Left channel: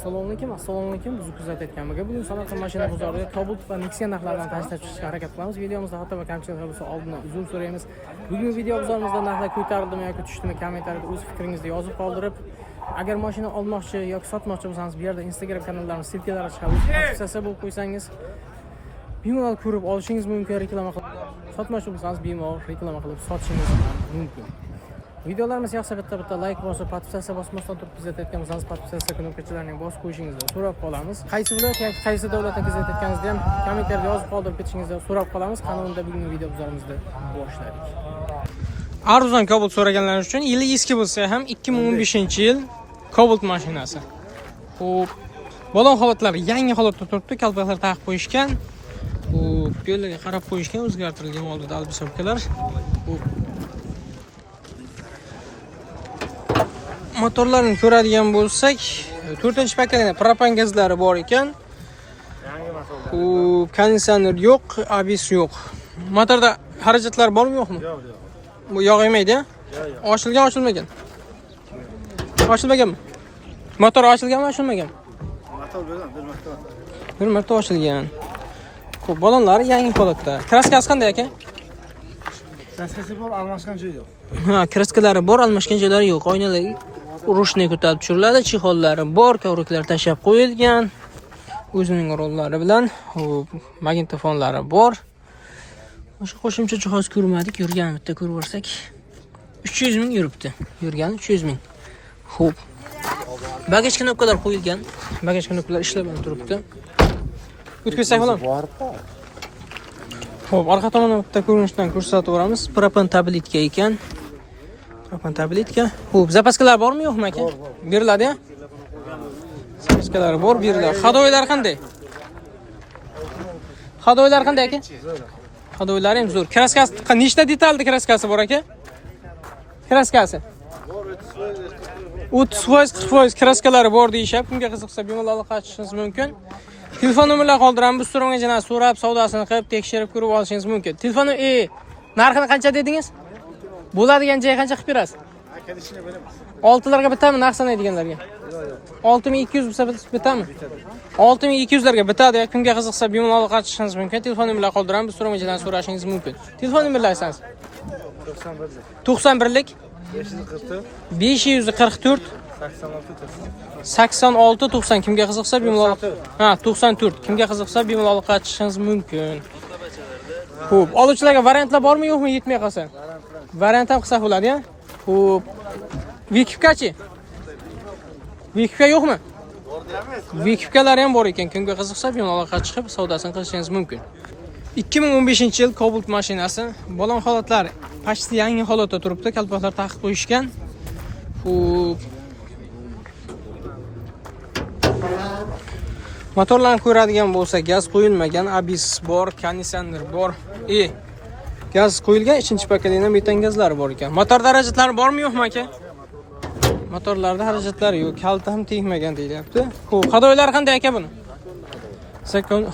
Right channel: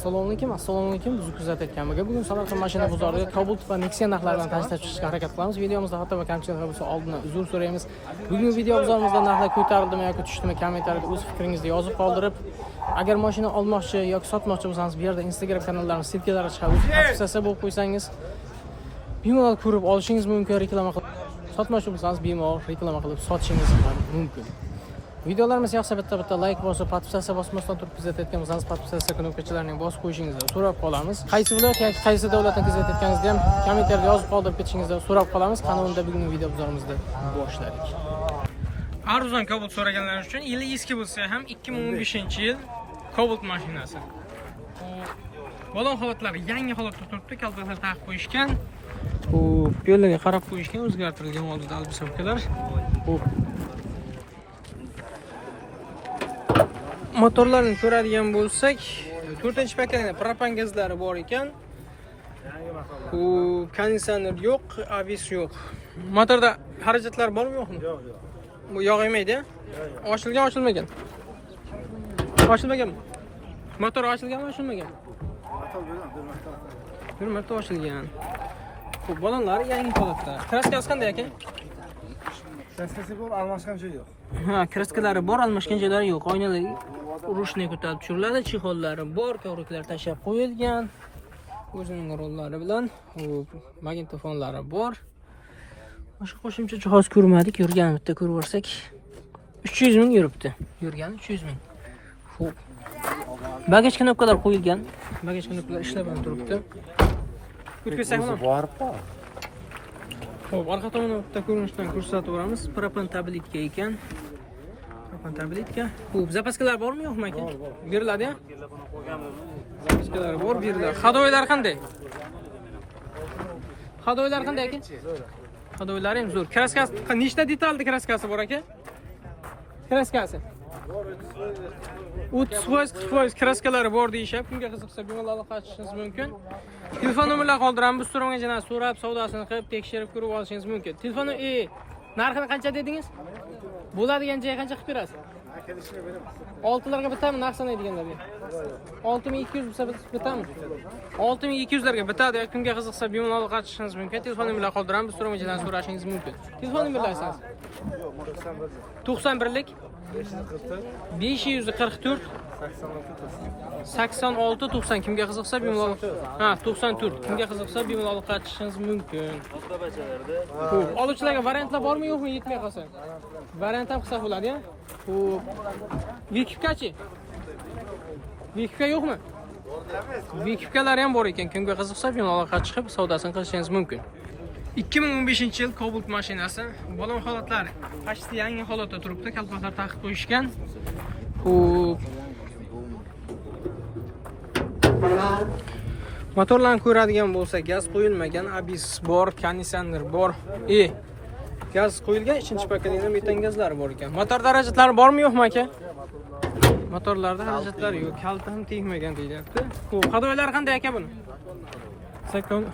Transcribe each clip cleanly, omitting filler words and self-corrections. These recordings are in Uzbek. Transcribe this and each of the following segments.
Assalomu alaykum. Bizni kuzatayotganimizga bugun Samarqand mashina bozorida Cobalt va Nexia narxlaridan tashlab chiqishga harakat qilamiz. Videomizda xato va kamchiliklar bo'lsa oldindan uzr so'raymiz. Bugungi video bozorimizda narxlar ko'tarildimi yoki tushdimi kommentariyada o'z fikringizni yozib qoldirib, agar mashina olmoqchi yoki sotmoqchi bo'lsangiz, bu yerda Instagram kanallarimiz silkalari chiqadi. Tavsiyasi bo'lib qo'ysangiz, bemalol ko'rib olishingiz mumkin, reklama qilib. Sotmoqchi bo'lsangiz, bemalol reklama qilib sotishingiz ham mumkin. Videolarimiz yoqsa bitta like bosib, podpisatsiya bosmasdan turib kuzatayotgan bo'lsangiz, podpisatsiya knopkachalarini bosib qo'yishingizni so'rab qolamiz. Qaysi viloyat yoki qaysi davlatdan kuzatayotganingizni ham kommentariyada yozib qoldirib ketishingizni so'rab qolamiz. Qanunda bugungi video bozorimizni boshladik. Arzon Cobalt so'raganlar uchun yili eski bo'lsa ham 2015-yil Cobalt mashinasi. Xo'p, balon holatlari yangi holatda turibdi, kalpaklar taqib qo'yishgan. Xo'p, yo'llarga qarab qo'yishgan, o'zgartirilgan oldida albisobkalar. Xo'p, motorlarni ko'radigan bo'lsak, 4-paketli propan gazlari bor ekan. Konditsioner yo'q, ABS yo'q. Motorda xarajatlar bormi, yo'qmi? Bu yog' yemaydi. Ochilgan, ochilmagan. Ochilmaganmi? Motor ochilganmi, ochilmaganmi? Motor yo'q, bir marta ochilgan. Xo'p, balonlari yangi holatda. Kraskasi qanday aka? Kraskasi bor, almashgan joyi yo'q. Ha, kraskalari bor, almashgan joylari yo'q. Oynalar urushni ko'tarib tushiriladi, chexollari bor, kovraklar tashab qo'yilgan. O'zining rollari bilan, magnitofonlari bor. Boshqa qo'shimcha jihoz ko'rmadik, yurgan bitta ko'rib o'rsak 300 ming yuribdi. Yurgan 300 ming. Xo'p. Bagaj knopkalar qo'yilgan. Bagaj knopkalar ishlab turibdi. O'tkazsak bo'ladimi? Xo'p, orqa tomondan bitta ko'rinishdan ko'rsatib o'ramiz. Propan tabletka ekan. Propan tabletka. Xo'p, zapaskalar bormi, yo'qmi aka? Beriladi-ya? Zapaskalar bor, beriladi. Hadoylar qanday? Hadoylar qanday aka? Hadoylari ham zo'r. Kraskasi nechta detalli kraskasi bor aka? Kraskasi 30%, 40% kraskalari bor deyishib, kimga qiziqsa bemalol aloqalashishingiz mumkin. Telefon nomerlarini qoldiramiz. Biz so'ragan so'rab, savdosini qilib, tekshirib ko'rib olishingiz mumkin. Telefonni narxini qancha dedingiz? Bo'ladigan joy qancha qilib berasiz? Kelishini beramiz. 6larga bitami narx sanaydiganlarga? 6200 bo'lsa bitami? 6200 larga bitadi. Kimga qiziqsa bemalol aloqalashishingiz mumkin. Telefon nomerlarini qoldiramiz. Biz so'ragan so'rashingiz mumkin. Telefon nomerlarini aytsangiz. 91lik 544 86 90. Kimga qiziqsa bemalol 94. Kimga qiziqsa bemalol aloqalashishingiz mumkin. Xo'p, oluvchilarga variantlar bormi, yo'qmi yetmay qolsa? Variant ham qilsak bo'ladi-ya. Xo'p. Vikipkachi? Vikipka yo'qmi? Bor deyapmiz. Vikipkalari ham bor ekan. Kimga qiziqsa bemalol aloqaga chiqib savdosini qilishingiz mumkin. 2015-yil Cobalt mashinasi. Balon holatlari pashti yangi holatda turibdi. Kalpaklar taqib qo'yishgan. Xo'p. Motorlarni ko'radigan bo'lsa, gaz qo'yilmagan, ABS bor, konditsioner bor. Gaz qo'yilgan, 3-paketli metan gazlari bor ekan. Motor darajatlari bormi, yo'qmi aka? Motorlarda xarajatlari yo'q, kalta ham tegmagan deyilyapti. Xo'p, hadoylar qanday aka buni?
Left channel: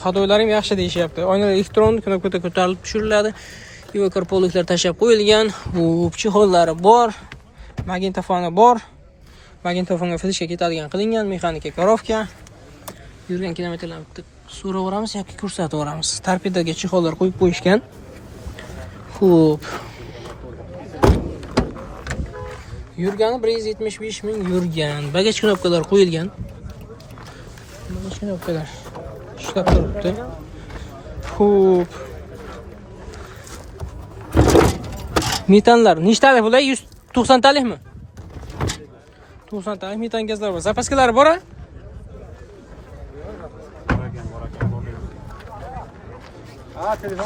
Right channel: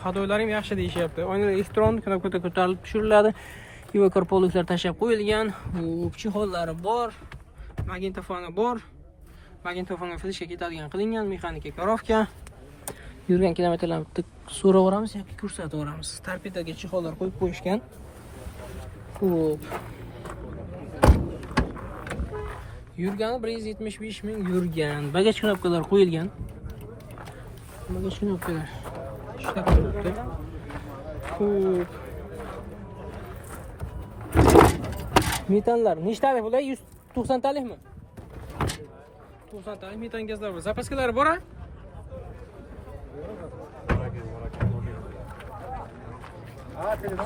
Hadoylari ham yaxshi deyishyapti. Oynalar elektron knopkada ko'tarilib tushiriladi. Evakorpoliklar tashab qo'yilgan. Xo'p, chexollari bor, magnitofoni bor. Magnitofonga fleshga ketadigan qilingan, mexanika korovka. Yurgan kilometrlarni so'raveramiz yoki ko'rsatib o'ramiz. Torpedaga chexollar qo'yib qo'yishgan. Xo'p. Yurgani 175 ming yurgan. Bagaj knopkalar qo'yilgan. Bagaj knopkalar ishlab turibdi. Xo'p. Metanlar nechtalik bo'ladi? 190 talikmi? 90 talik metan gazlar bor. Zapaskalari bor-a?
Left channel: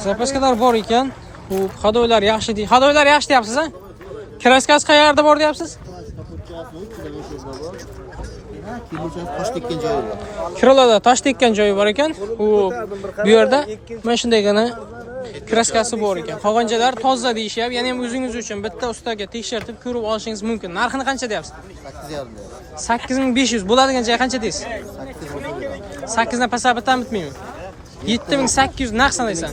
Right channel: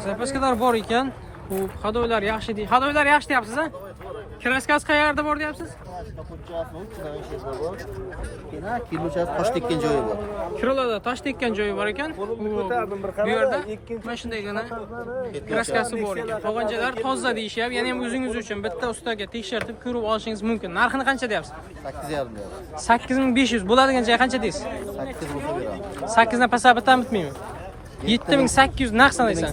Zapaskalar bor ekan. Xo'p, hadoylar yaxshi deydi. Hadoylar yaxshi deyapsiz-a? Kraskasi qayerda bor deyapsiz? Tosh tekkan joyi bor. Kirolarda tosh tekkan joyi bor ekan. Xo'p, bu yerda mana shundaygina kraskasi bor ekan. Qolgan joylar toza deyishyapti. Ya'ni ham o'zingiz uchun bitta ustaga tekshirib ko'rib olishingiz mumkin. Narxini qancha deyapsiz? 8500. Bo'ladigan joy qancha deysiz? 8 dan pasab bitam bitmaymi? 7800 narx sanaysan.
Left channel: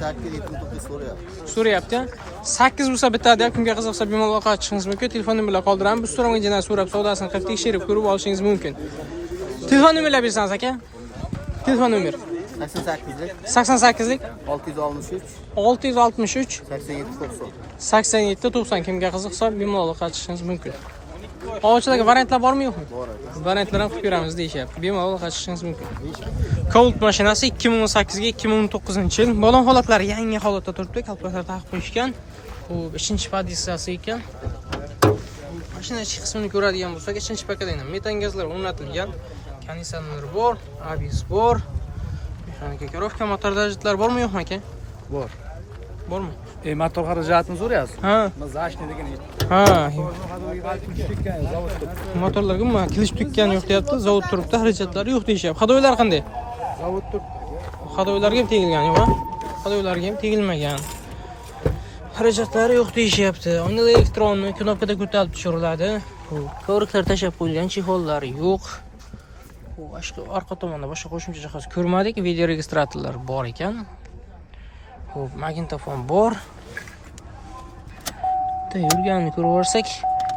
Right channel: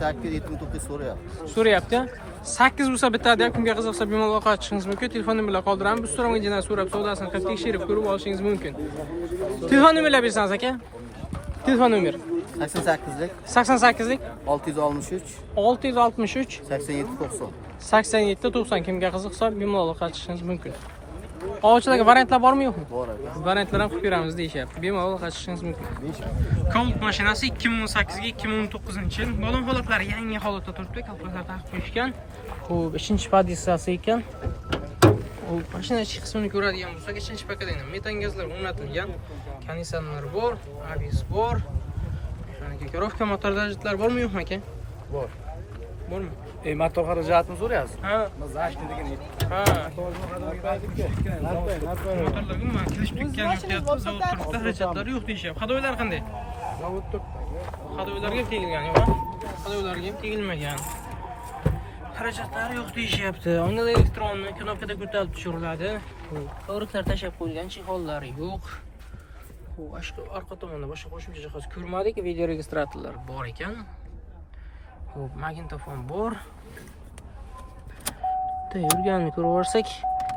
So'rayapti. 8 bo'lsa bitadi, kimga qiziqsa bemalol aloqaga chiqishingiz mumkin. Telefon nomerlarini qoldiramiz. Biz so'ragan joydan so'rab savdosini qilib tekshirib ko'rib olishingiz mumkin. Telefon nomerlar bersangiz aka. Telefon nomer 88'lik 88lik 663 663 87 90. 87 90 kimga qiziqsa bemalol qachishingiz mumkin. Ovchilarga variantlar bormi yo'qmi? Variantlar ham qilib beramiz deyishyapti. Bemalol qachishingiz mumkin. Cobalt mashinasi 2018 ga 2019-yil. Balon holatlari yangi holatda turibdi. Kalkulyator taqib qo'yishgan. Xo'p, ikkinchi pozitsiyasi ekan. Mashina ichki qismini ko'radigan bo'lsak, ikkinchi paketda metan gazlar o'rnatilgan. Konditsioner bor, ABS bor. Mexanika ko'rovka, motor darajalar bormi yo'qmi aka? Bor. Bormi? Motor xarajatini so'rayapsiz? Ha. Zashni degan. Ha. Motorlarga nima kilish tukkani yo'q deyapti. Zavod turibdi, xarajatlari yo'q deyishyapti. Hadoylar qanday? Zavod turib. Hadoylarga ham tegilgan yo'qmi? Hadoylarga ham tegilmagan. Xarajatlari yo'q deyishyapti. Oynalar elektronli knopkada ko'tarilib tushiriladi. Ko'riklar tashab qo'yilgan, chexollar yo'q. Xo'p, orqa tomonda boshqa qo'shimcha jihoz ko'rmadik. Video registratorlar bor ekan. Xo'p, magnitofon bor. Bitta yurganini ko'rib olsak,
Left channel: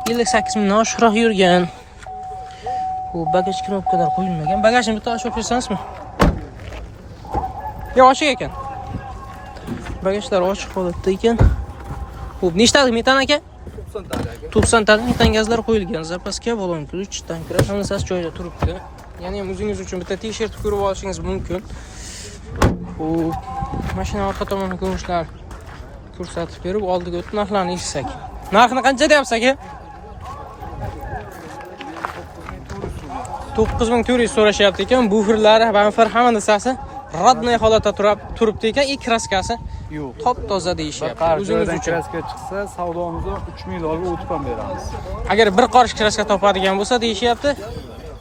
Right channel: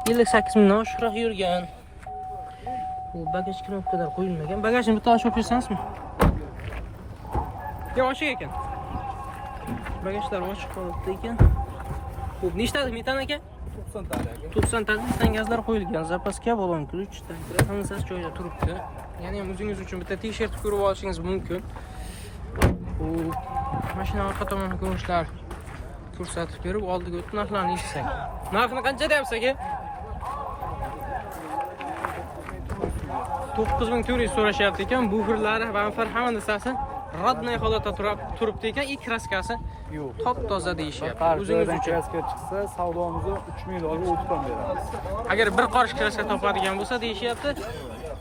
58 mingdan oshiqroq yurgan. Xo'p, bagaj knopkalar qo'yilmagan. Bagajni bitta ochib bersangizmi? Yo'q, ochiq ekan. Bagajlar ochiq holatda ekan. Xo'p, nechtalik metan aka? 90 talik metan gazlar qo'yilgan. Zapaska, balon ключ, tanklar hammasi joyida turibdi. Ya'ni ham o'zingiz uchun bitta t-shirt ko'rib olishingiz mumkin. Xo'p, mashina orqa tomoni ko'rinishlar ko'rsatib berib, oldiga o'tib narxlarni eshitsak. Narxini qancha deyapsiz aka? 9400 so'rashyapti ekan. Buferlari, bamper hamma narsasi rodnoy holatda turibdi ekan. Kraskasi Yo'q. top-toza deyishyapti. O'zingiz uchun. Kraska chiqsa, savdomizni 3000 dollarga o'tib ham beramiz. Agar bir qorish kraska topadigan bo'lsa deyishyapti,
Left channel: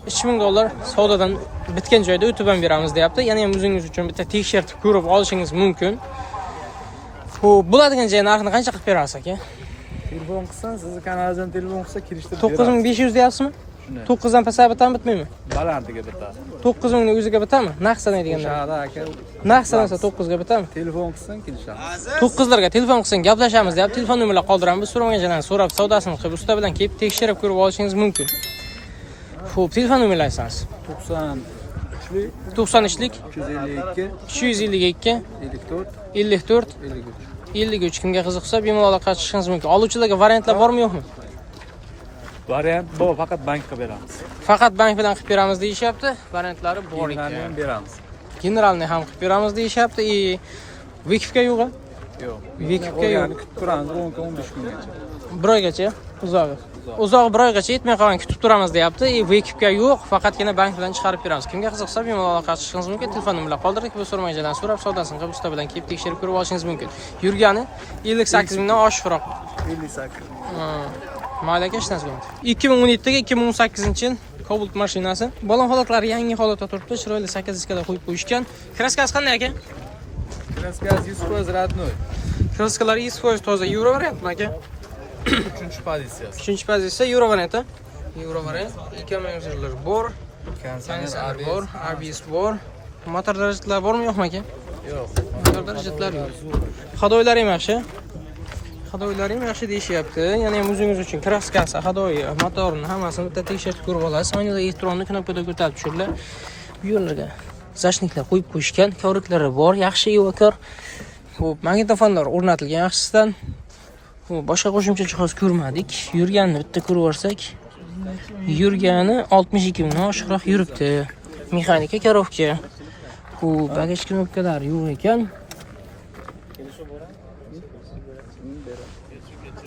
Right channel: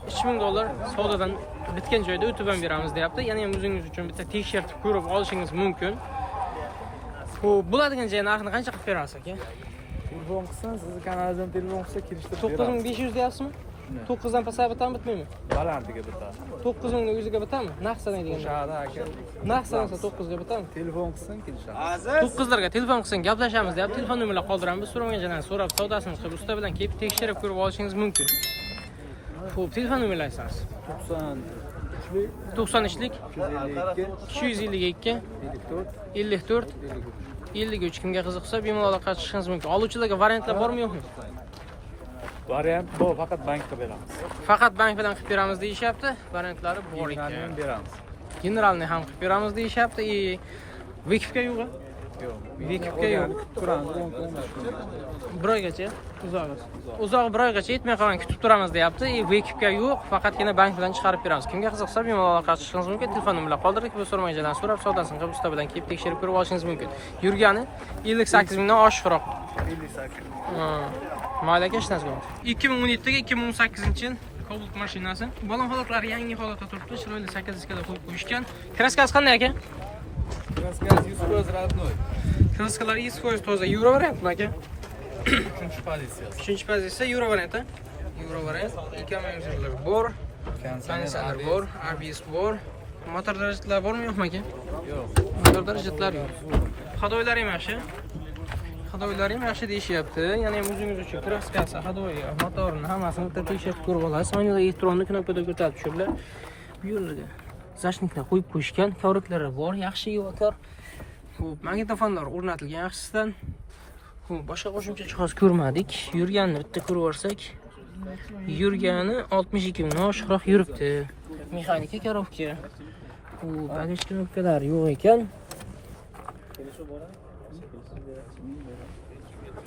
$3000 savdodan bitgan joyda o'tib ham beramiz deyapti. Ya'ni ham o'zingiz uchun bitta t-shirt ko'rib olishingiz mumkin. Xo'p, bo'ladigan joy narxini qancha qilib berasiz aka? Telefon qilsan, sizni kanaldan telefon qilsa kirishtirib 9500 deyapsizmi? 9 dan pasayib bitami bitmaymi? Balandiga bitadi. 9000 ning o'ziga bitami? Narx sanaydiganda. Shahada aka. Narx sanasa 9 ga bitami? Telefon qilsan kirishamiz. 9 larga telefon qilsang gaplashamiz deyapti. Telefon nomerlarini qoldiramiz. So'ramagan joydan so'rab, savdosini qilib, usta bilan kelib tekshirib ko'rib olishingiz mumkin. Xo'p, telefon nomerlarini aytsangiz. 93lik 252 54 53 kimga qiziqsa bemalol qatishingiz mumkin. Oluvchilarga variantlar bormi yo'qmi? Variant bor, faqat bank qilib beramiz. Faqat bank bilan qilib beramiz deyishyapti. Variantlari bor ekan. Ham beramiz. Generalni ham qilib beramiz deyishyapti. Vikifga yo'q. Yo'q. Vikifga yo'q. Turamiz 10-15 kungacha. Bir oygacha uzog'i. Uzog'i bir oygacha yetmay qolgan kutib turamiz deyapti. Vikifga yo'q, faqatgina bank bilan chiqarib beramiz. Kimga qiziqsa bemalol qatishingiz mumkin. Telefon nomerlarini qoldirdik. Bu so'ramagan so'rab, savdosini qilib usta bilan kelib tekshirib ko'rib olishingiz mumkin. Yurgani 58 mingdan oshiqroq. 58. Mayli aka, ishlasizmi? 2017 ga 2018-yil Cobalt mashinasi. Balon holatlari yangi holatda turibdi. Chiroyli 8 diskada qo'yib qo'yishgan. Kraskasi qanday aka? Kraskasi 100% radnoy. Kraskalari 100% toza. Euro variantmi aka? 3-chi pozitsiyasi. 3-chi pozitsiya Euro varianti. Euro variant. Ikki bor. Konditsioner bor, ABS bor. Motor darajatlari bormi yo'qmi aka? Yo'q. Motor darajatlari yo'q. Hadoylari ham yaxshi. Hadoylari ham yaxshi deyishyapti. Ya'ni ham o'zingiz uchun kraskasi, hadoyi, motorini hammasini bitta tekshirib ko'rib olasiz. Oynalar elektronli knopkada ko'tarib tushiriladi. Bu yo'llarga zashniklar qo'yib qo'yishgan, kovriklari bor, yaxshi evakor. Xo'p, magnitofonlar o'rnatilgan yaxshisidan. Xo'p, boshqa qo'shimcha jihoz ko'rmadik. Yurganini bitta ko'rib olsak, yurgani 62 mingdan oshiqroq yuribdi. Mexanika korovka. Xo'p, bagaj knopkalari yo'q ekan.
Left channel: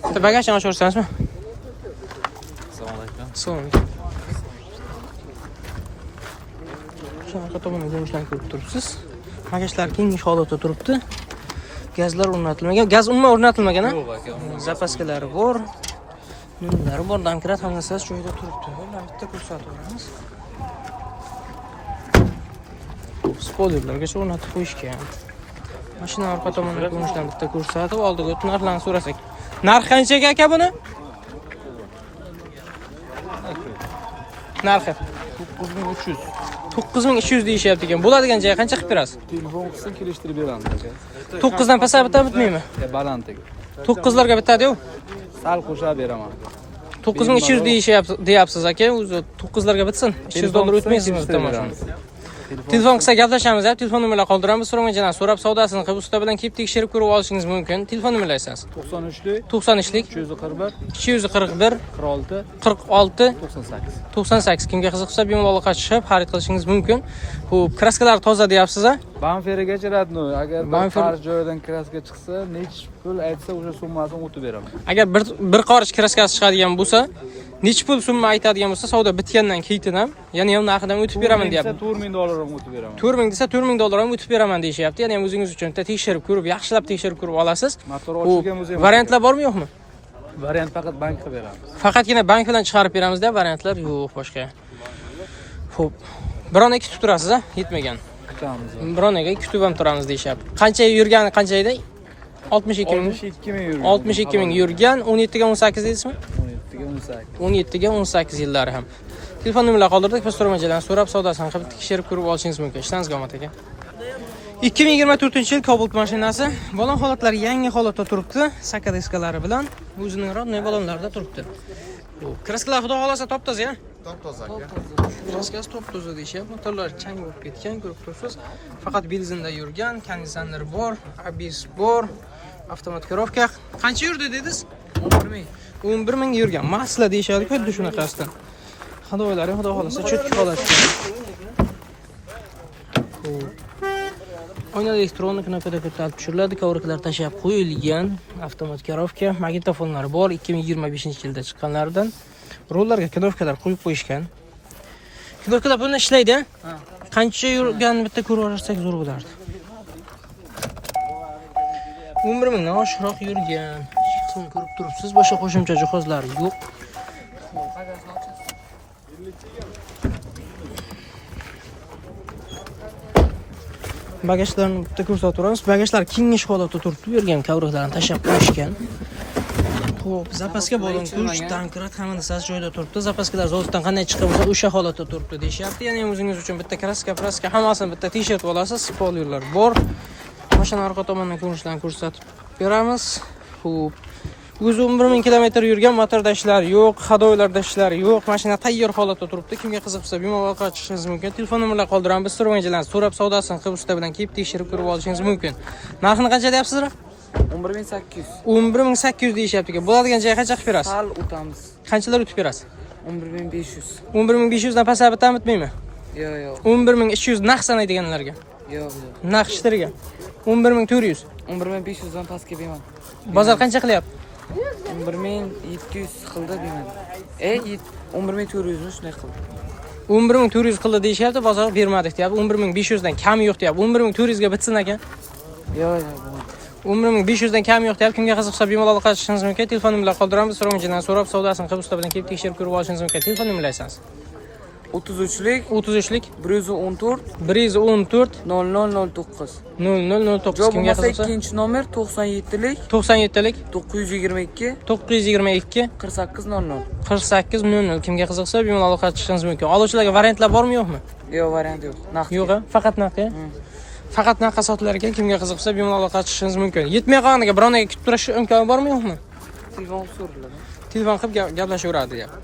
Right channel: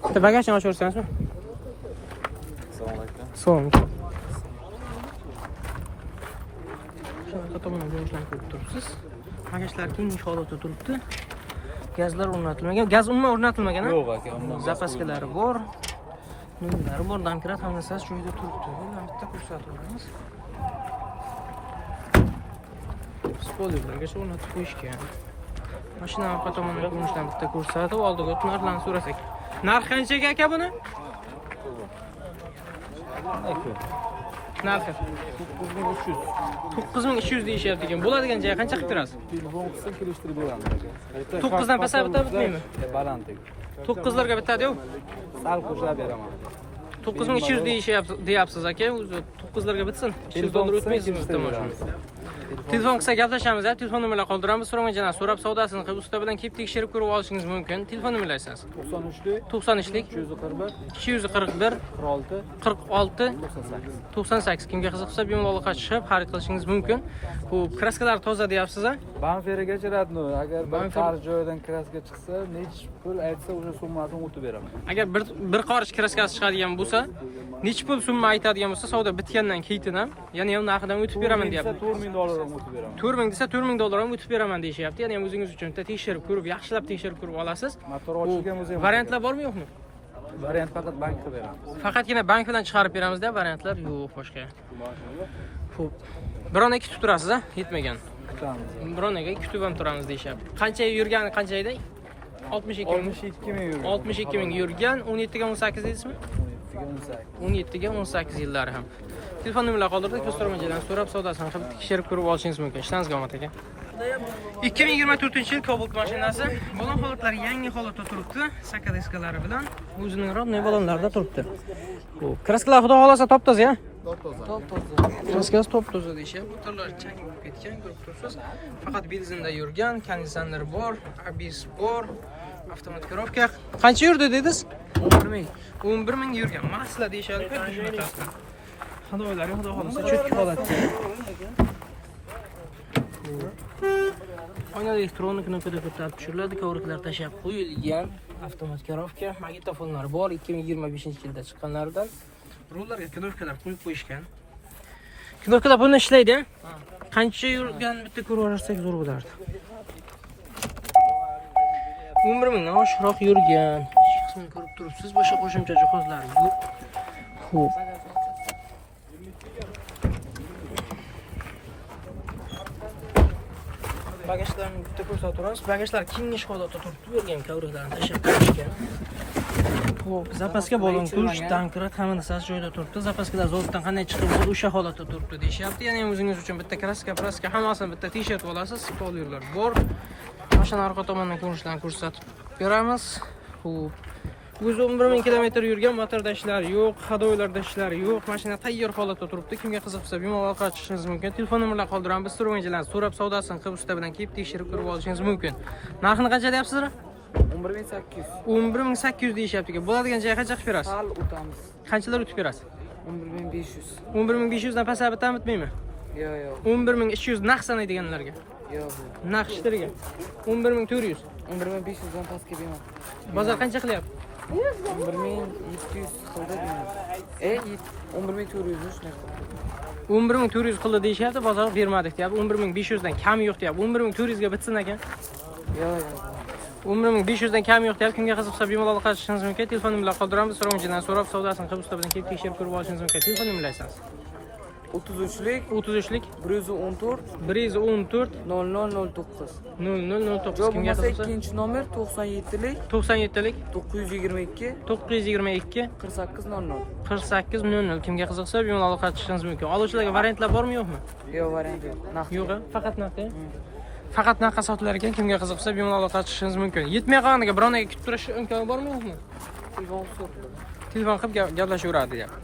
Bitta bagajni ochib ko'rsangizmi? Assalomu alaykum. Shunaqa tomondan ko'rinishlarni ko'rib turibsiz. Bagajlar kenglik holatda turibdi. Gazlar o'rnatilmagan. Gaz umuman o'rnatilmagan-a? Yo'q aka. Zapaskalari bor. Nunlari bor, domkrat hammasi joyida turibdi. Mana bitta ko'rsatib beramiz. Spoilerlargacha o'rnatib qo'yishgan. Mashina orqa tomonidan ko'rinishdan bitta ko'rsatib, oldiga o'tib narxlarni so'rasak. Narx qanchaga aka buni? Narxi 9300. 9300 deyishyapti ekan. Bo'ladigan joy qancha qilib berasiz? Telefon qilsa kelishtirib beramiz aka. 9 dan pasayib bitmaymi? Balandiga. 9 larga bitadi-yu. Sal qo'shib beraman. 9200 deyapsiz aka. O'zi 9larga bitsin. 200 dollar o'tmaysizmi bitta mashina? Telefon qilsa gaplashamiz, telefon nomerlarini qoldiramiz. So'ramachidan so'rab savdosini qilib usta bilan kelib tekshirib ko'rib olishingiz mumkin. Telefon nomerlarini aytsangiz. 93lik 241 46 98. Kimga qiziqsa bemalol aloqaga chiqib xarid qilishingiz mumkin. Xo'p, kraskalar toza deyapsiz-a? Banferigacha radno. Agar Banfer bir joydan kraska chiqsa, necha pul aytsa, o'sha summasini o'tib beraman. Agar bir qarich kraskasi chiqadigan bo'lsa, necha pul summa aytadigan bo'lsa, savdo bitgandan keyin ham, ya'ni ham narxidan o'tib beraman deyapti. 4000 dollar ham o'tib beraman. 4000 desa 4000 dollar ham o'tib beraman deyishyapti. Ya'ni ham o'zingiz uchun tekshirib ko'rib, yaxshilab tekshirib ko'rib olasiz. Variantlar bormi yo'qmi? Variant faqat bankga beramiz. Faqatgina bank bilan chiqarib beramiz deb variantlar yo'q boshqa. Xo'p. Biron kutib turasiz-a? Yetmagan. Kutamiz. Bironaga kutib ham turamiz deyishyapti. Qancha yurgani qancha edi? 62 ming. 62 ming yurgan, 17 ga 18 deysizmi? 17 ga 18 yillari ham. Telefon nomerlarini qoldirdik, biz so'ramachilardan so'rab savdosini qilib tekshirib ko'rib olishingiz mumkin. Ishingizga omad aka. 2024-yil Cobalt mashinasi balon holatlari yangi holatda turibdi, saka diskalari bilan o'zining rodnoy balonlarida turibdi. Bu kraskalar xudo xolasa top-toza. Kraskasi top-toza deyishyapti. Motorlar chang bo'lib ketgan, ko'rib turibsiz. Faqat benzinda yurgan, konditsioner bor, ABS bor, avtomat ko'rovka. Qancha yurdi dedingiz? 11 ming yurgan. Masla deyishadi, xuddi shunaqasidan. Hadoylari xudo xolasa cho'tki holatda. Oyna elektronik knopkada ko'tarib tushiriladi, kovraklar tashab qo'yilgan, avtomat korovka, magnitofonlar bor, 2025-yilda chiqqanlardan. Rollarga knopkalar qo'yib qo'yishgan. Knopkalar buni ishlaydi. Qancha yurgan bitta ko'rib olsak zo'r bo'lardi. 11 mingdan oshiqroq yurgan. Ko'rib turibsiz, boshqa qo'shimcha jihozlar yo'q. Xo'p. Bagajlarni bitta ko'rsatib turamiz. Bagajlar kengash holatda turibdi, yurgan kovraklarni tashab qo'yishgan. Xo'p, zapaska bo'lgan kuch, tankrat hamma narsasi joyida turibdi. Zapaskalar zavoddan qanday chiqib bo'lsa, o'sha holatda turibdi deyishyapti. Ya'ni o'zingiz uchun bitta kraska hammasini bitta t-shirt olasiz, spoilerlar bor. Mashina orqa tomondan ko'rinishlarini ko'rsatib beramiz. Xo'p. O'zi 11 ming kilometr yurgan, motorda ishlar yo'q, hadoylarda ishlar yo'q. Mashina tayyor holatda turibdi. Kimga qiziqsa, bemalol aloqaga chiqishingiz mumkin. Telefon nomerlarini qoldiramiz. Biz so'ramachilardan so'rab savdosini qilib usta bilan kelib tekshirib ko'rib olishingiz mumkin. Narxini qancha deyapsizlar? 11800. 11800 deyishyapti. Bo'ladigan joyga qancha qilib berasiz? Hal o'tamiz. Qanchalar o'tib berasiz? 11500. 11500 dan pasayib bitmaymi? Yo'q. 11300 naqd sanaydiganlarga. Yo'q. Naqd ishtirga. 11400. 11500 dan pastga beraman. Bozor qancha qilyapti? 11700 qildi beraman. 11400 shunday qildi. 11400 qildi deyishyapti, bozor bermadik deyapti. 11500 dan kam yo'q deyapti. 11400 ga bitsin ekan. Yo'q. 11500 dan kam yo'q deyapti. Kimga qiziqsa bemalol aloqaga chiqishingiz mumkin. Telefon nomerlarini qoldiramiz. So'ramachilardan so'rab savdosini qilib usta bilan kelib tekshirib ko'rib olishingiz mumkin. Telefon nomerlarini aytsangiz. 33lik 114 0009 0009. Kimga qiziqsa ikkinchi nomer 97lik 97lik 922 922 4800. 4800. Kimga qiziqsa bemalol aloqaga chiqishingiz mumkin. Oluvchilarga variantlar bormi yo'qmi? Yo'q, variant yo'q. Naqd. Yo'q, faqat naqd. Faqat naqd sotilar ekan. Kimga qiziqsa bemalol aloqaga chiqishingiz mumkin. Yetmay qolganiga bironaga kutib turish imkoni bormi yo'qmi? Telefon so'radilar. Telefon qilib gaplashaveradi deyapti.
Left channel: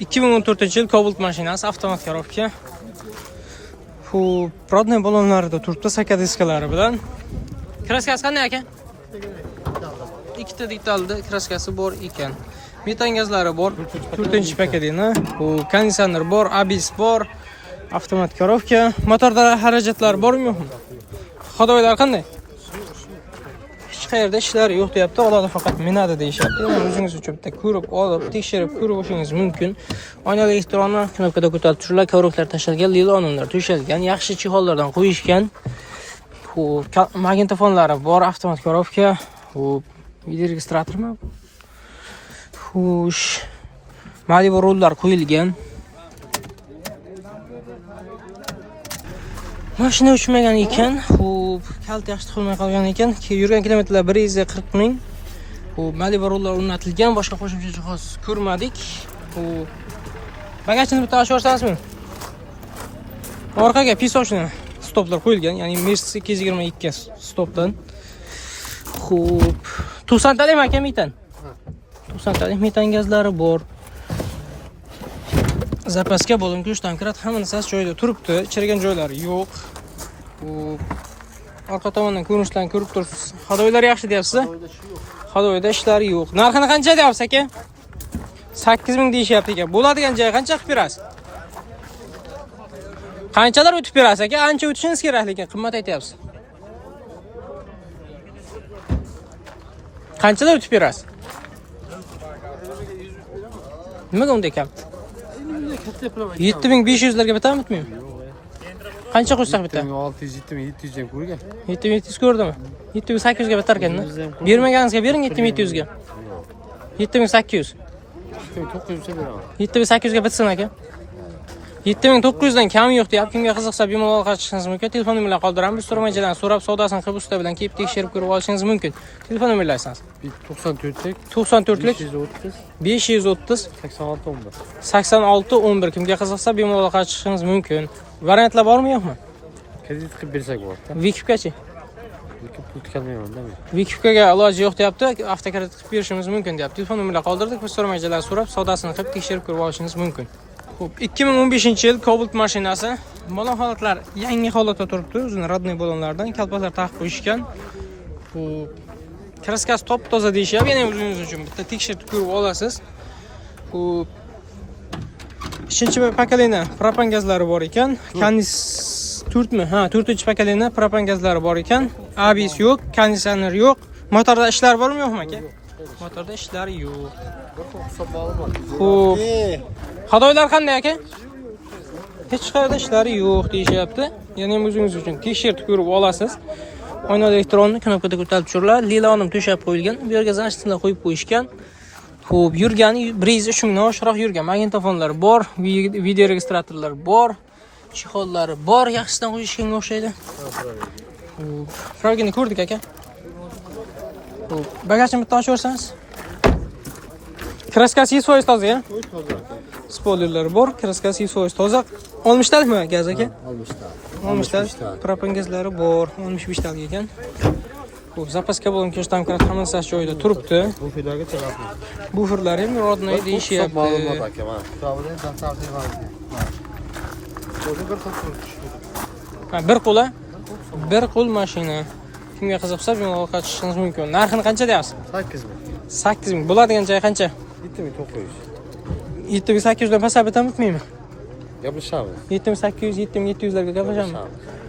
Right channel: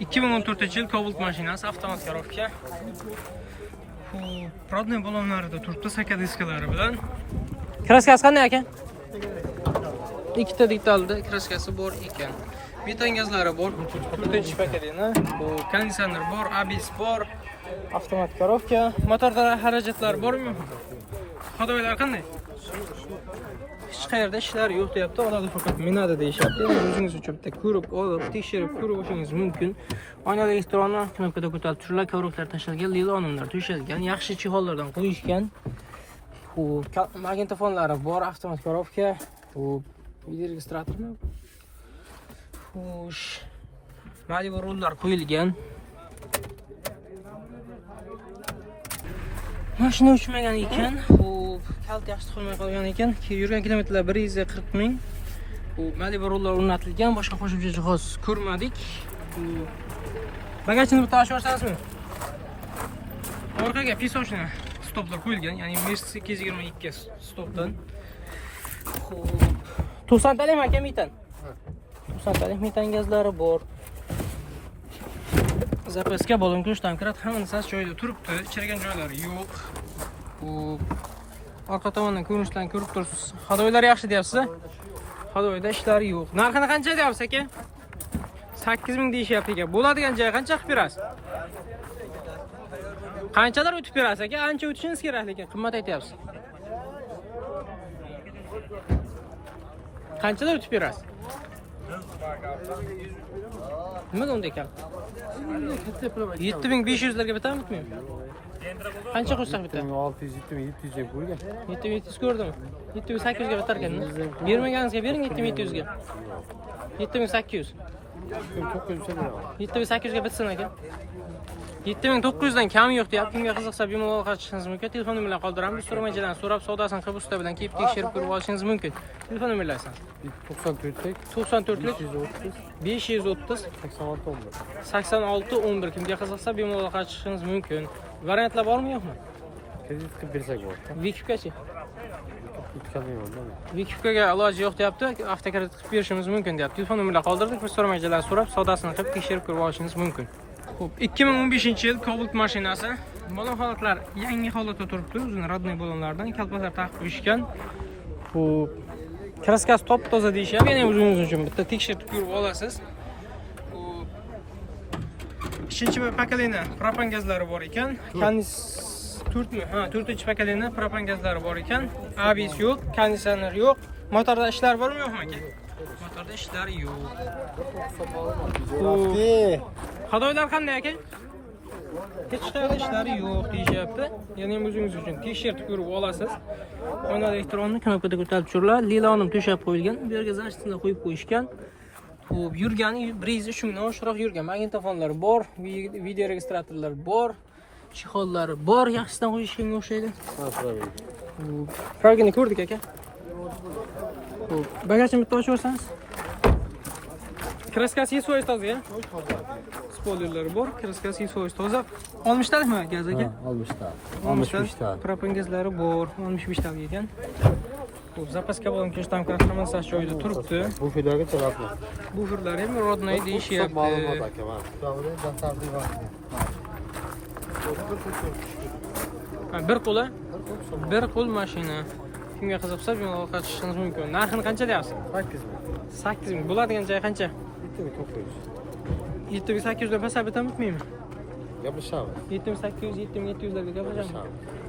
2014-yil Cobalt mashinasi, avtomat korovka. Xo'p, rodnoy balonlarida turibdi, saka diskalari bilan. Kraskasi qanday ekan? Ikkita detalda kraskasi bor ekan. Metan gazlari bor, 4-paketini. Bu konditsioner bor, ABS bor, avtomat korovka. Motorda xarajatlar bormi yo'qmi? Hadoylar qanday? Hech qayerda ishlar yo'q deyapti, oladi faqat minadi deyishyapti. O'zingiz uchun bitta ko'rib olib, tekshirib ko'rib olishingiz mumkin. Oyna elektronni knopkada ko'tarib tushirlar, kovraklar tashalgan, lilonlar to'shalgan, yaxshi chexollardan qo'yishgan. Xo'p, magnitofonlari bor, avtomat korovka. Xo'p, video registratormi? Xush. Malibu rollar qo'yilgan. Mashina uchmagan ekan. Xo'p, kalt yaxshi qilmay qolgan ekan. Yurgan kilometrlar 140 ming. Xo'p, Malibu rollar o'rnatilgan, boshqa qo'shimcha jihoz ko'rmadik. Xo'p. Bagajni bitta ochib ko'rsatasizmi? Orqaga pisovchni stoplar qo'yilgan, ya'ni Mercedes 222 stopdan. Xo'p, 90 talikmi aka metan? 90talik metan gazlari bor. Zapaska bo'lim kuch domkrat hamma narsasi joyida turibdi. Chirigan joylari yo'q. Bu orqa tomondan ko'rinishdan ko'rib turibsiz. Hadoylar yaxshi deyapsiz. Hadoyda ishlari yo'q. Narxini qancha deyapsiz aka? 8000 deyishyapti ekan. Bo'ladigan joy qancha qilib berasiz? Qanchalar o'tib berasiz aka? Ancha o'tishingiz kerak lekin qimmat aytyapsiz. Qanchalar o'tib berasiz? Nimaga unda kam? 7500 larga bitammi bitmaymi? Qancha qo'shsak bitta? 600, 700 deb ko'rgan. 7700 ko'rdimi? 7800 ga bitar ekan-da. Bermaganingizga bering 7700 ga. 7800. 900 ga beraman. 7800 ga bitsin aka. 7900 dan kam yo'q deyapti. Kimga qiziqsa bemalol qatishingiz mumkin. Telefon nomerlarini qoldiramiz. So'ramachidan so'rab savdosini qilib usta bilan kelib tekshirib ko'rib olishingiz mumkin. Telefon nomerlaringiz 94lik 94lik 530 530 86 11. 86 11. Kimga qiziqsa bemalol qatishingiz mumkin. Variantlar bormi yo'qmi? Kredit qilib bersak bo'ladi. Vikipgachi? Lekin pul tiklanmayman-da men. Vikipga iloji yo'q deyapti. Avtokredit qilib berishimiz mumkin deyapti. Telefon nomerlarini qoldirdik. Biz so'ramachidan so'rab savdosini qilib tekshirib ko'rib olishingiz mumkin. Xo'p, 2015-yil Cobalt mashinasi. Balon holatlar yangi holatda turibdi. O'zini radnoy balonlardan kalpaklar taqib qo'yishgan. Xo'p, kraskasi top-toza deyishyapti. Yana o'zingiz uchun bitta tekshirib ko'rib olasiz. Xo'p, 3-pokoleniya propan gazlari bor ekan. Kondis 4mi? Ha, 4-pokoleniya propan gazlari bor ekan. ABS yo'q, konditsioner yo'q. Motorda ishlar bormi yo'qmi aka? Motorda ishlar yo'q. Xo'p. Hadoylar qanday aka? Hech qayerda ishlari yo'q deyishyapti. Ya'ni o'zingiz uchun tekshirib ko'rib olasiz. Oyna elektronni knopkada ko'tarib tushiriladi. Lilonim to'shab qo'yilgan. Bu yerga zachtini qo'yib qo'yishgan. Xo'p, yurgani 1 mingdan oshiqroq yurgan. Magnitofonlar bor, video registratorlar bor, chexollari bor. Yaxshisidan qo'yishganga o'xshaydi. Xo'p, pragini ko'rdik aka. Xo'p, bagajni bitta ochib o'rsangiz. Kraskasi 100% toza, ya? Spoilerlari bor, kraskasi 100% toza. 60 talikmi gaz aka? 60 talik. Propan gazlari bor, 65 talik ekan. Xo'p, zapaska bo'lgan ko'chdan kirat hammasi joyida turibdi. Bu fillarga chiqadi. Buferlar ham rodnoy deyishyapti. Bir qo'la? Bir qo'l mashina. Kimga qiziqsa bemalol qatishingiz mumkin. Narxini qancha deyapsiz? 8000. 8000. Bo'ladigan joy qancha? 7900. 7800 dan pasab bitamizmi? Gaplashamiz. 7800, 7700 larga gaplashamiz.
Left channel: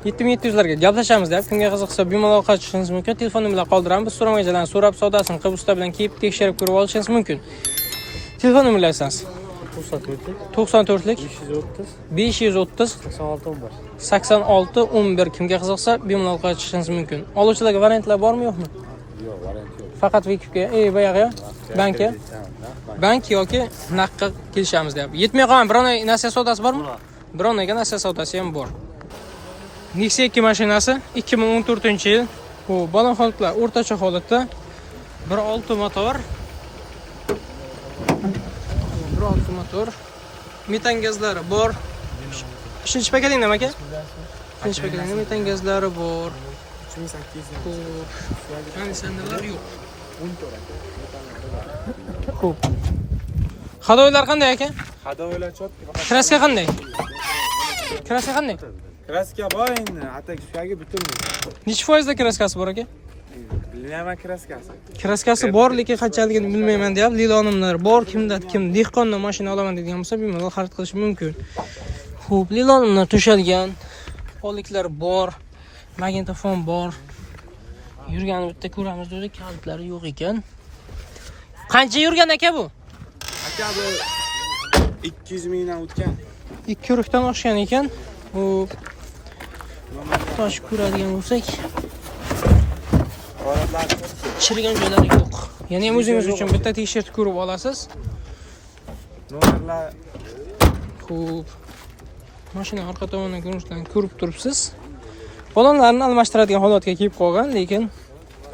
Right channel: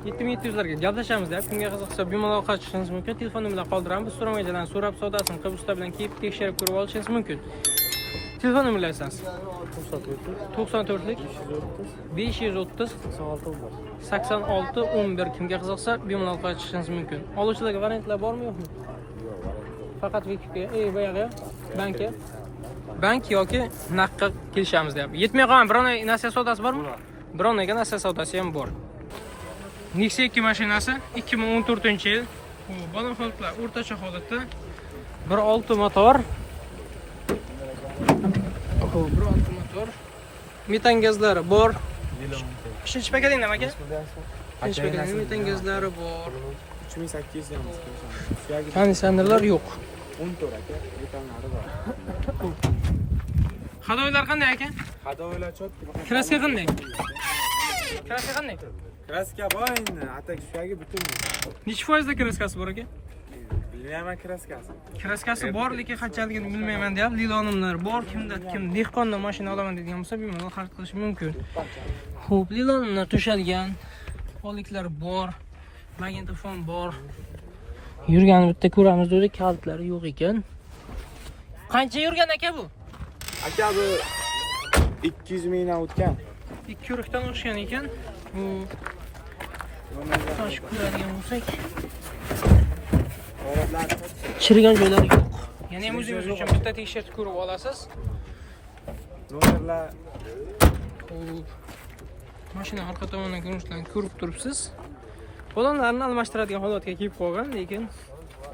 7700 larga gaplashamiz deb kimga qiziqsa bemalol qatishingiz mumkin. Telefon nomerlarini qoldiramiz. So'ramachidan so'rab savdosini qilib usta bilan kelib tekshirib ko'rib olishingiz mumkin. Telefon nomerlaringiz 94lik 530 86 11. Kimga qiziqsa bemalol qatishingiz mumkin. Oluvchilarga variantlar bormi yo'qmi? Yo'q, variant yo'q. Faqat Vikipga, boyaga bankka. Bank yoki naqdga kelishamiz deyapti. Yetmay qolgan bironay nasiya savdosi bormi? Bironayga nasiya savdosi ham bor. Nexia 2 mashinasi 2014-yil. Bu balon holatlar o'rtacha holatda. 1.6 motor. Bu 1.6 motor. Metan gazlari bor. 3-pokoleniya aka? 3-pokoleniya metan gazlari bor. 2800. Konditsionerlar yo'q. Xo'p. Hadoylar qanday aka? Hadoylar chotki. Kraska qanday? Kraska qanday? Kraska bor endi, atakishlarga butun. Necha foizda kraskasi bor aka? Bilmayman kraskasi. Kraskasi bor, lekin qanchaligini bilmayman deyapti. Lilonimlar bor, kim dehqondan mashina olaman deydigan bo'lsa, bemalol xarid qilish mumkin. Xo'p, lilonimlar to'shalgan. Oliklar bor, magnitofon bor. Yurgan bitta ko'ramiz dedik, kalitlari yo'q ekan. Qancha yurgan aka bu? Aka bu 200 mingdan o'tgan. 2 urukdan oshgan ekan. Bu tosh ko'radigan bo'lsak, chirigan joylari yo'q. Ya'ni o'zingiz uchun bitta tekshirib ko'rib olasiz. Nomerlar Xo'p. Mashina orqa tomonidan ko'rinishlarni ko'rib turibsiz. Balonlarni almashtiradigan holatga kelib qolgan, lekin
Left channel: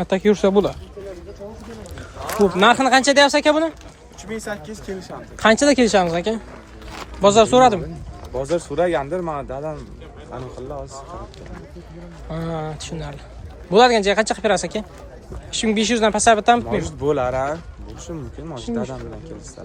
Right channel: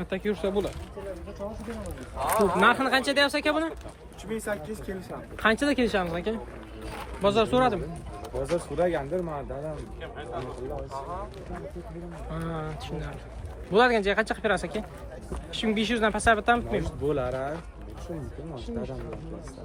atak yursa bo'ladi. Xo'p, narxini qancha deyapsiz aka buni? 3800 kelishamiz. Qanchada kelishamiz aka? Bozor so'radimi? Bozor so'ragandir, men dadam aniqlab olsin. Ha, tushunarli. Bo'ladigan joy qancha qilib berasiz aka? 2500 dan pasab bitamizmi? Bo'lar, ha. Shu mumkin, mashina odam bilan kelsa.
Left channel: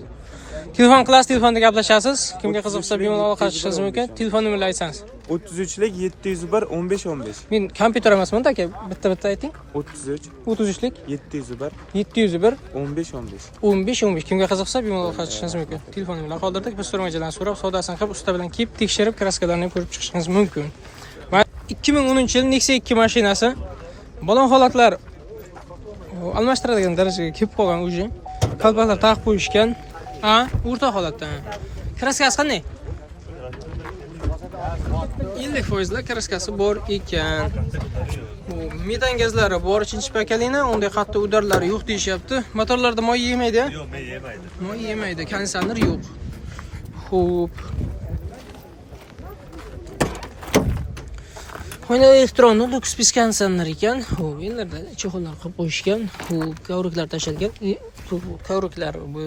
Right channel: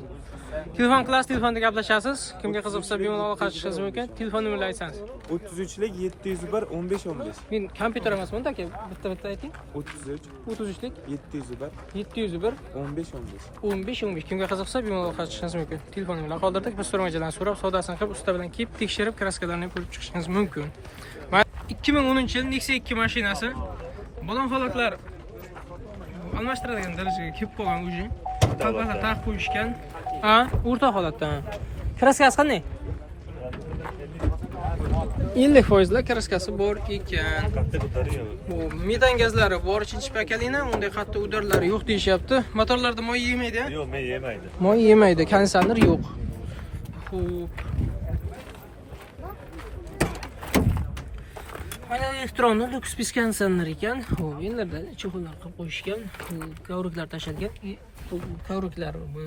Telefon qilasiz, telefonda gaplashasiz. Kimga qiziqsa bemalol aloqa qilishingiz mumkin. Telefon nomerini aytsangiz. 33lik 701 15 15. Men kompyuter emasman aka, bitta ayting. 33 33lik 701 701 15 15. 15 kimga qiziqsa bemalol aloqa qilishingiz mumkin. Telefon nomerini qoldirdik. Biz so'ramachilarni so'rab, savdosini qilib, usta bilan kelib tekshirib, kraskalarni ko'rib chiqishingiz mumkin. Va 2010-yil Nexia 2 mashinasi balon holatlar almashtiradigan darajaga kelib qolgan уже. Qalbaqlar taqib qo'yishgan. O'rta holatda. Kraskasi qanday? 50% kraskasi bor ekan. Bu metan gazlari bor, ikkinchi pakalina, unday qattiq udarlari yo'q deyishyapti. Motorlarda moy yemaydi? Yo'q, men yemaydi. Moy yemaydi, konditsioner yo'q. Xo'p. Mana elektronli Lux konditsioner ekan. Xo'p, endi chexollar qilib qo'yishgan. Xo'p, kovriklar tashlangan. Kovriklar, bu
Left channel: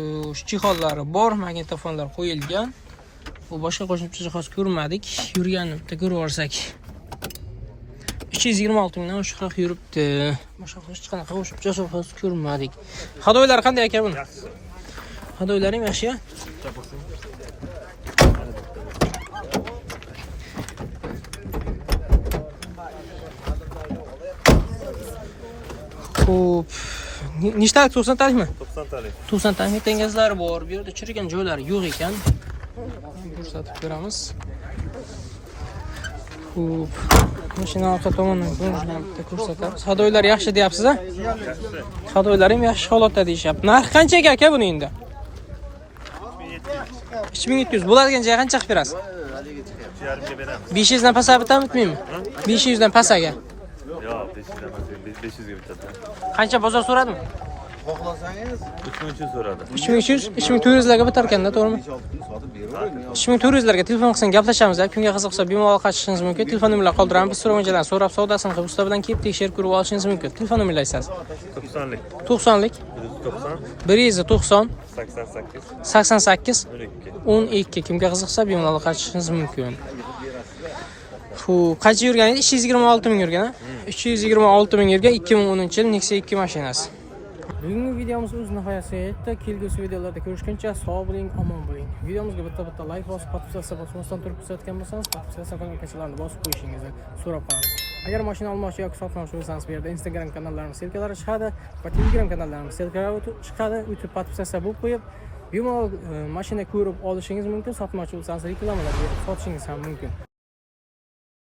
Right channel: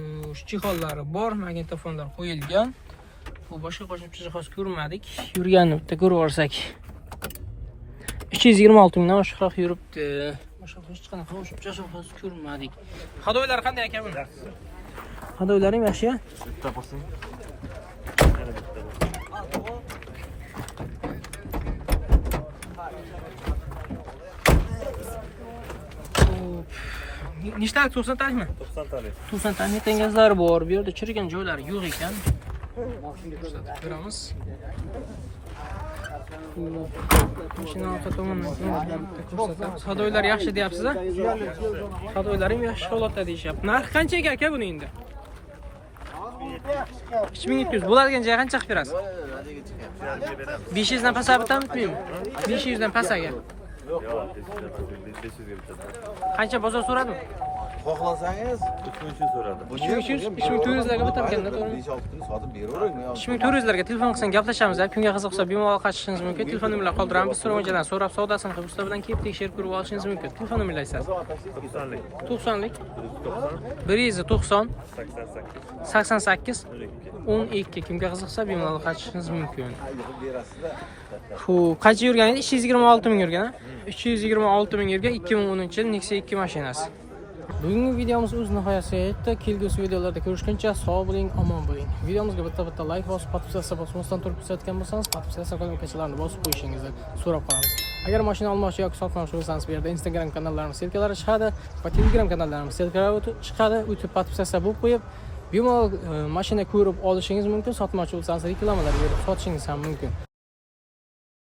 chexollari bor, magnitofonlar qo'yilgan. Bu boshqa qo'shimcha jihoz ko'rmadik. Yurganini bitta ko'rib olsak. 326 mingdan oshiqroq yuribdi. Boshqa hech qanaqa qo'shimcha jihoz ko'rmadik. Hadoylari qanday ekan buni? Hadoylari ham yaxshi-ya? Xo'p. Nechtalik 90 talikmi? 90 talik. 90 talik tengazlari bor. Bu yerda chirigan joylari yo'q ekan. Ko'rsatib beramiz. Xo'p. Mashina orqa tomondan ko'rsatamiz. Hadoylar yaxshi deyapsiz-a? Hadoylar ham yaxshi holatda deyishyapti. Narx qancha aka buni endi? 3700. Bo'ladigan joy qancha qilib berasiz? 500 dan pasab bitami? 500 dan pasaga. Yo'q, 500 ga bitadi. Qancha bozor so'radimi? 3300 so'radi. 3300, 3400 larga bitar ekanda, to'g'rimi? 3400 larga telefon qilsangiz gaplashamiz. Kimga qiziqsa bemalol aloqa qilishingiz mumkin. Telefon nomerlarini qoldiramiz. Biz so'ramachilardan so'rab, savdosini qilib, usta bilan kelib tekshirib ko'rib olishingiz mumkin. Telefon nomerini aytsangiz. 90lik. 90lik 190 190 88 88 12. Kimga qiziqsa bemalol aloqa qilishingiz mumkin. Xo'p, qancha yurgan edi? 326 ming yurgan, ha? 326 ming yurgan 2010-yil Nexia 2 mashinasi. Bugungi videomiz o'z nihoyasiga yetdi. Kelgusi videolarda ko'rishguncha sog' bo'ling, omon bo'ling. Videomizga bitta like bosib, podpiskatsiya bosmasdan turib ko'rsatgan bo'lsangiz, podpiskatsiya qilgan ukachalarni bosib qo'yishingizni so'rab qolamiz. Agar mashina olmoqchi yoki sotmoqchi bo'lsangiz, bu yerda Instagram kanallarimiz ssilkalari chiqadi va Telegram kanallarimiz ssilkalari chiqadi. O'tib podpiskatsiya bo'lib qo'yib, bemalol mashina ko'rib olishingiz mumkin. Sotmoqchi bo'lsangiz reklamalar berib sotishingiz ham mumkin.